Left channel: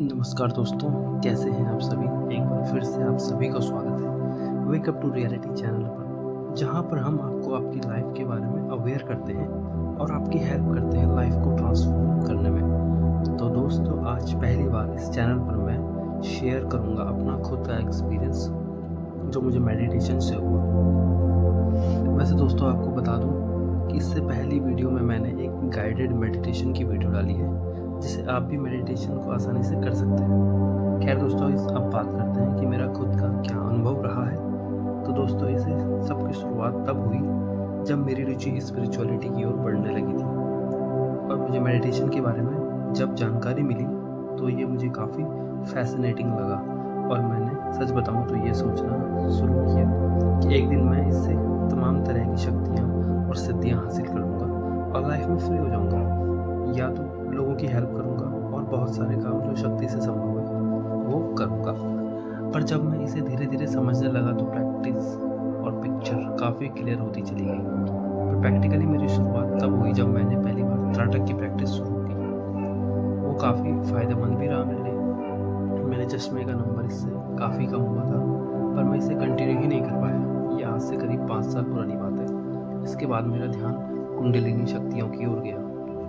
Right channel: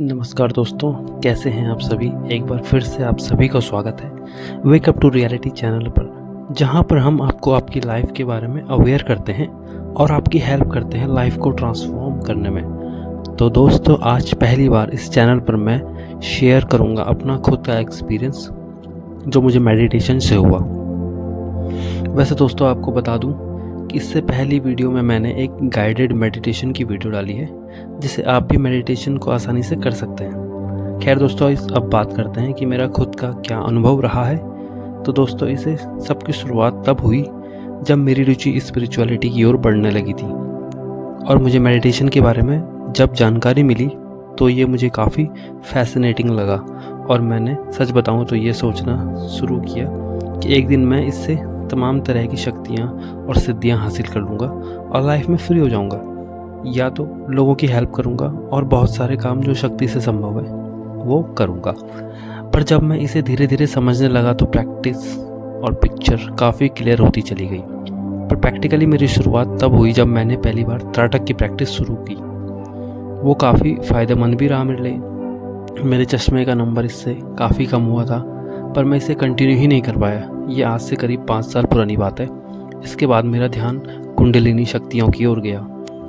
नमस्कार दोस्तों, कैसे हैं आप सभी। एक बार फिर से आप सभी का स्वागत है wake up to reality channel पर, जहां पर हम आपको आपकी लाइफ के बारे में अवेयर करते हैं और आपकी हेल्प करते हैं लाइफ को ट्रांसफॉर्म करने में। तो दोस्तों, आज पहली बार इस चैनल पर मैं शेयर करूंगा अपना खुद का एक्सपीरियंस जो मुझे मेडिटेशन से हुआ। वैसे दोस्तों, आपको बता दूं कि इससे पहली वीडियो में मैंने एक गाइडेड मेडिटेशन की वीडियो डाली है, जिसे आप भी मेडिटेशन को आसानी से कर सकते हैं। खैर दोस्तों, अब बात करते हैं कि मेरा खुद का क्या अनुभव रहा है। तो दोस्तों, इसे सबकी शुरुआत तब हुई जब मेरी रुचि स्पिरिचुअलिटी की ओर बढ़ने लगी थी, और मुझे मेडिटेशन के बारे में जब जानकारी मिली तो ये मुझे काफ़ी फैसिनेटिंग लगा, और मैंने सच बताऊं तो ये सोचना शुरू किया कि एक दिन मैं इससे तमाम तरह की शक्तियाँ और सिद्धियाँ हासिल कर लूँगा और लाइफ में फ्री हो जाऊँगा, या तो लोगों की हेल्प करूँगा और बहुत सारे काम जो शक्ति से संभव है वो करूँगा। पर जब मैं इसे धीरे धीरे समझने लगा तो प्रैक्टिस और पिक्चर काफ़ी क्लियर होती चली गई। पर प्रैक्टिकली मेरी शुरुआत तब हुई जब मैंने पहली बार त्राटक की प्रैक्टिस शुरू की। वो काफ़ी फ़ायदेमंद भी रहा मेरे लिए। मेरे चश्मे का नंबर इससे काफ़ी कम हुआ था, पर मैं इसे कंटिन्यू ही नहीं कर पाया। ये आज से करीब 5 साल पुरानी बात है। इसके बाद मेरा ध्यान कुंडलिनी शक्तियों की ओर गया,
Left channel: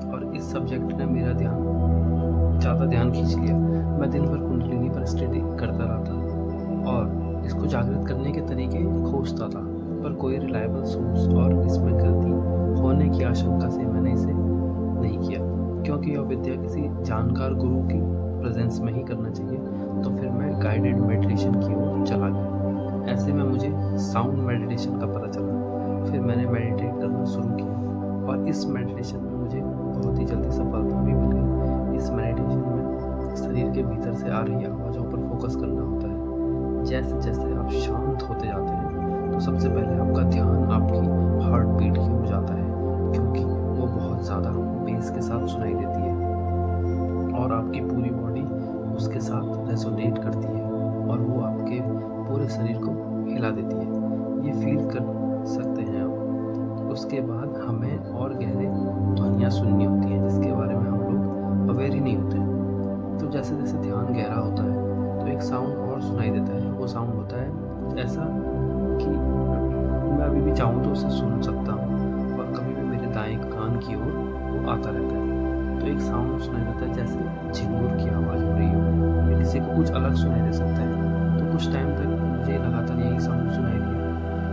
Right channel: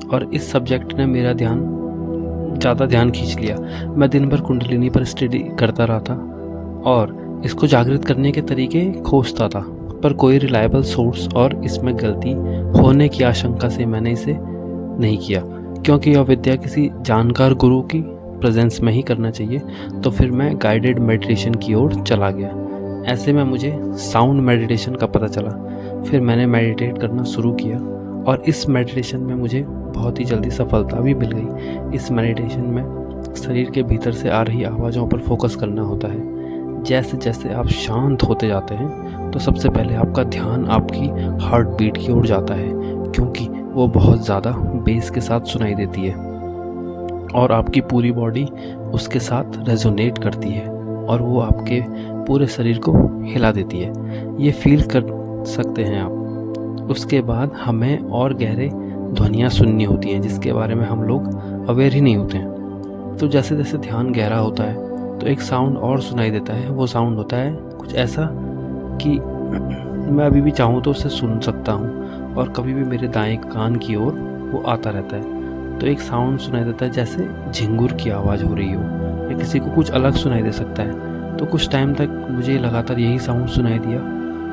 और इस सब्जेक्ट ने मेरा ज़्यादा ध्यान खींच लिया। मैं दिन भर कुंडलिनी पर स्टडी करता रहा था और इसको जागृत करने के तरीके खोजता था, पर कोई रिलायबल सोर्स और इसमें गलती होने की आशंका से मैंने इसे नहीं किया, क्योंकि यह विद्या किसी जानकार गुरु की प्रेजेंस में ही करना चाहिए। तो फिर मैं गाइडेड मेडिटेशन की ओर चला गया। ऐसे में मुझे साउंड मेडिटेशन का पता चला। फिर मैंने मेडिटेट करना शुरू किया, और इस मेडिटेशन में मुझे बहुत ही जल्दी सफलता भी मिल गई। इस मेडिटेशन में शरीर के भीतर से आ रही आवाज़ों पर फोकस करना होता है। जैसे जैसे आप शांत होते जाते हैं तो सबसे पहले आपका ध्यान आपकी हार्ट बीट की ओर जाता है, क्योंकि वो बहुत ज़्यादा बेस के साथ सुनाई देती है और आपकी पूरी बॉडी उसके साथ रेजोनेट करती है, और वो आपके पूरे शरीर को हिला देती है। ये फील कर सकते हैं आप। उसके बाद हमें और गहरे ध्वनियाँ सुननी होती हैं, जिसके बारे में हम लोग अवेयर ही नहीं होते हैं। तो जैसे जैसे ध्यान गहरा होता है तो एक साउंड और सुनाई देता है। वो साउंड होता है कुछ ऐसा कि मैं अभी भी चाहूँ तो उसे सुन सकता हूँ, और कभी भी मेरे दाएं कान की ओर वो आता रहता है। तो एक साउंड सुनाई देता है जैसे झिंगुर की आवाज़ हो रही हो, या किसी को कुछ अलग सुनाई दे सकता है। तो कुछ टाइम तक मुझे लगातार यही साउंड सुनाई दिया,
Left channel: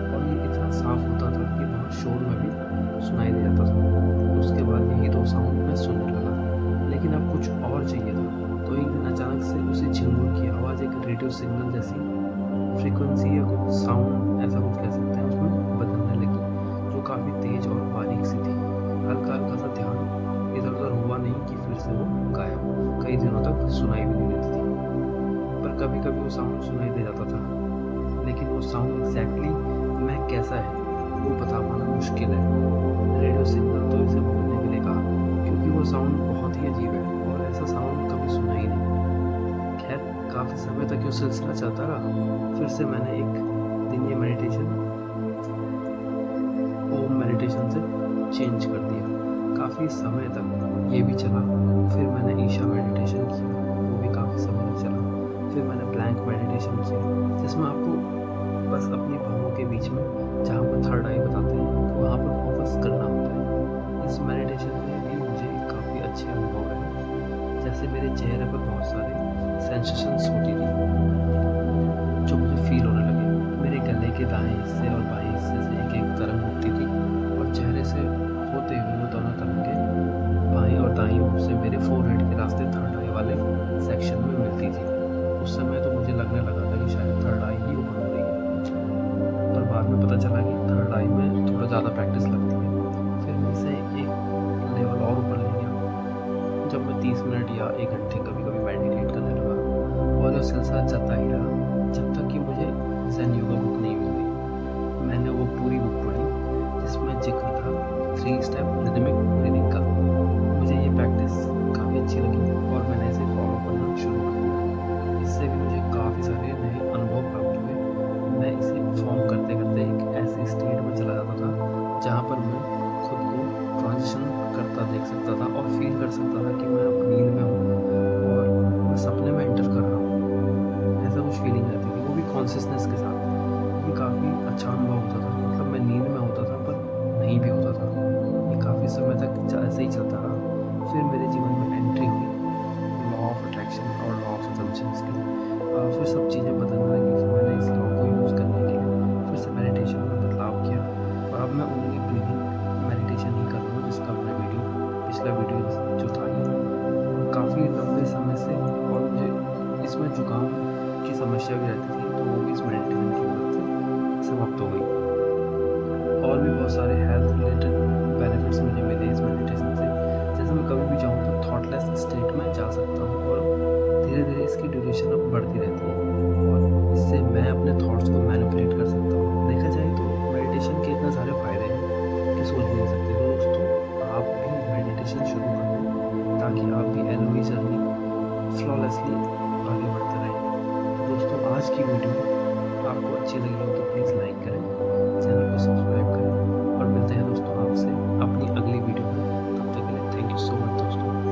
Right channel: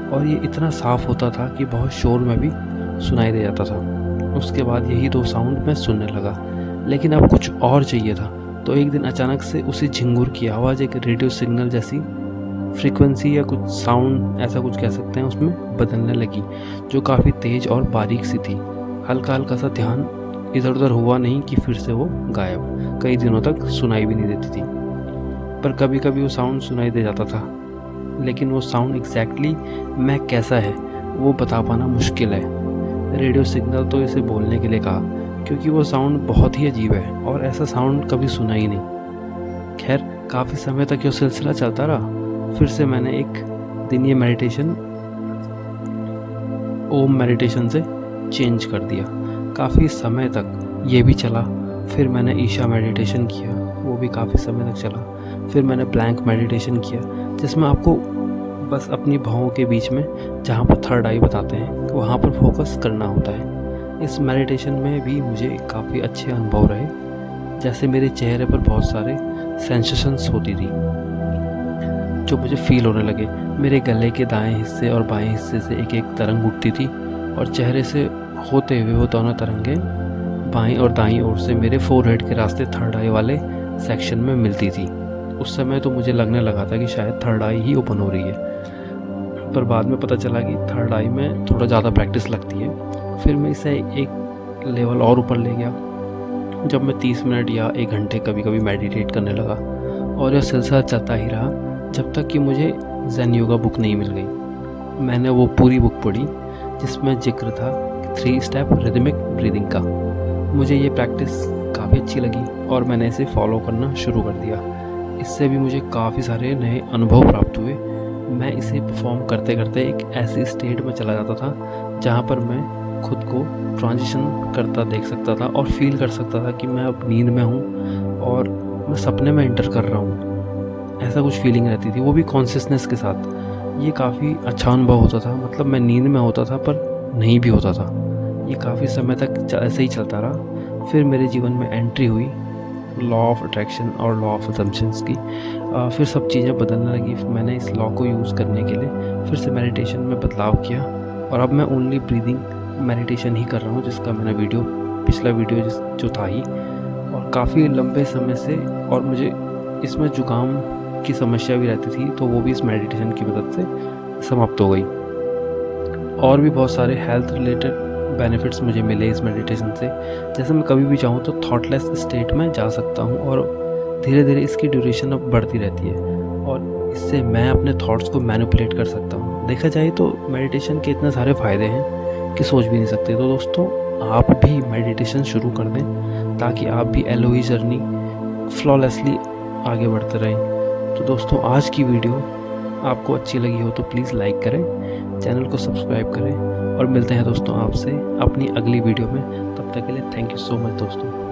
और ये इतना साफ़ होता था कि बहुत शोर में भी सुनाई दे जाता था। उसके बाद यही 2 साउंड मैं सुनने लगा, लेकिन अब कुछ और चाहिए था। तो एक दिन अचानक से उसी झिंगुर की आवाज़ एक रेडियो सिग्नल जैसी फ्रीक्वेंसी या कुछ साउंड, ऐसा कुछ कह सकते हैं, उसमें बदलने लगी, जो काफ़ी तेज़ और बारीक सी थी। हल्का हल्का सा ध्यान इधर उधर हुआ नहीं कि फिर से वो गायब। कई दिनों तक सुनाई भी नहीं देती थी, पर कभी कभी वो साउंड सुनाई दे जाता था। लेकिन वो साउंड एग्जैक्टली मैं कैसा है वो बता पाना मुश्किल है। रेडियो सिग्नल तो इसे बोलने के लिए कहा, क्योंकि वो साउंड बहुत ही अजीब है और ऐसा साउंड कभी सुना ही नहीं। खैर, काफ़ी समय तक ये सिलसिला चलता रहा। फिर से मैंने एक दिन ये मेडिटेशन ओम मेडिटेशन से चेंज कर दिया। काफ़ी समय तक ये भी चला। फिर मैंने ईशा मेडिटेशन किया, वो भी काफ़ी समय तक चला। फिर मैंने ब्लैंक मेडिटेशन किया, जिसमें आपको बस अपनी भौहों के बीच में, जहाँ पर थर्ड आई बताते हैं, वहाँ पर फोकस करना होता है। इस मेडिटेशन में भी मुझे काफ़ी अच्छे अनुभव रहे। जैसे मेरे चेहरे पर बहुत सारे सेंसेशंस होती थी जो मुझे फील होने लगे। मेरे गले के दाएं हिस्से और बाएं हिस्से से एक एक तरंग उठती थी, और चेहरे से होते हुए वो दोनों तरंगें बाईं और दाईं ओर से मेरे फोरहेड के रास्ते थर्ड आई वाले सेक्शन में मिलती थी। उस समय तो मुझे लगने लगा था कि शायद थर्ड आई ही ओपन हो रही है, पर बाद में पता चला कि थर्ड आई में थोड़ा ज़्यादा प्रैक्टिस लगती है। फिर मैं इसे एक लेवल और ऊपर ले गया, जब मैं 30 मिनट या 1 घंटे कभी कभी मेडिटेट करने लगा, और यह सिलसिला चलता ही रहा जब तक कि मुझे ज़ेन योगा बुक नहीं मिल गई। मैंने वो पूरी बुक पढ़ी जिसमें जिक्र था 3 स्टेप रिदमिक ब्रीदिंग का। मुझे ये प्रैक्टिस काफ़ी अच्छी लगी और मैंने इसे फॉलो करना शुरू कर दिया। इससे भी मुझे काफ़ी सारे नए अनुभव प्राप्त हुए। मैं इसे परफॉर्म करते करते एक ऐसी स्टेट में चला जाता था जहाँ पर मैं खुद को ट्रांजिशन करता देख सकता था और फील कर सकता था कि मैं अब नींद में हूँ और मैं मैं सपने में एंटर कर रहा हूँ, ऐसा कुछ फीलिंग रहती थी, वो भी कॉन्शियसनेस के साथ। ये काफ़ी अच्छा अनुभव होता था, मतलब मैं नींद में होता था पर नहीं भी होता था। ये काफ़ी समय तक ऐसे ही चलता रहा। फिर मेरे जीवन में एंट्री हुई लॉ ऑफ अट्रैक्शन और लॉ ऑफ असम्पशंस की। फिर सब चीज़ें बदलने लगी। मैंने इस लॉ को यूज़ करने के लिए फिर से मेडिटेशन में बदलाव किया और अब मैं ओनली ब्रीदिंग मेडिटेशन ही कर रहा हूँ, जिसका मैंने पिछला वीडियो जो था ही, और काफ़ी लंबे समय से। और मुझे इसमें जुकाम की समस्या भी रहती थी, तो वो भी इस मेडिटेशन की मदद से समाप्त हो गई। और भी बहुत सारे हेल्थ रिलेटेड बेनिफिट्स मुझे मिले इस मेडिटेशन से। जैसे मैं कभी भी चाहूँ तो थॉटलेस स्टेट में जा सकता हूँ और धीरे धीरे इसकी ड्यूरेशन अब बढ़ती रहती है, और इससे मैं अपने थॉट्स को मैनिपुलेट कर सकता हूँ। देखा जाए तो मेडिटेशन के इतने सारे फ़ायदे हैं कि सोच भी नहीं सकते। तो दोस्तों, आप भी मेडिटेशन शुरू कर दें ताकि आप भी एलओई जर्नी फ्लॉलेसली आगे बढ़ते रहें। तो दोस्तों, आज की वीडियो आपको अच्छी लगी हो तो प्लीज़ लाइक करें, चैनल को सब्सक्राइब करें, और मिलते हैं दोस्तों आपसे अपनी अगली वीडियो में। तब तक के लिए थैंक यू सो मच दोस्तों।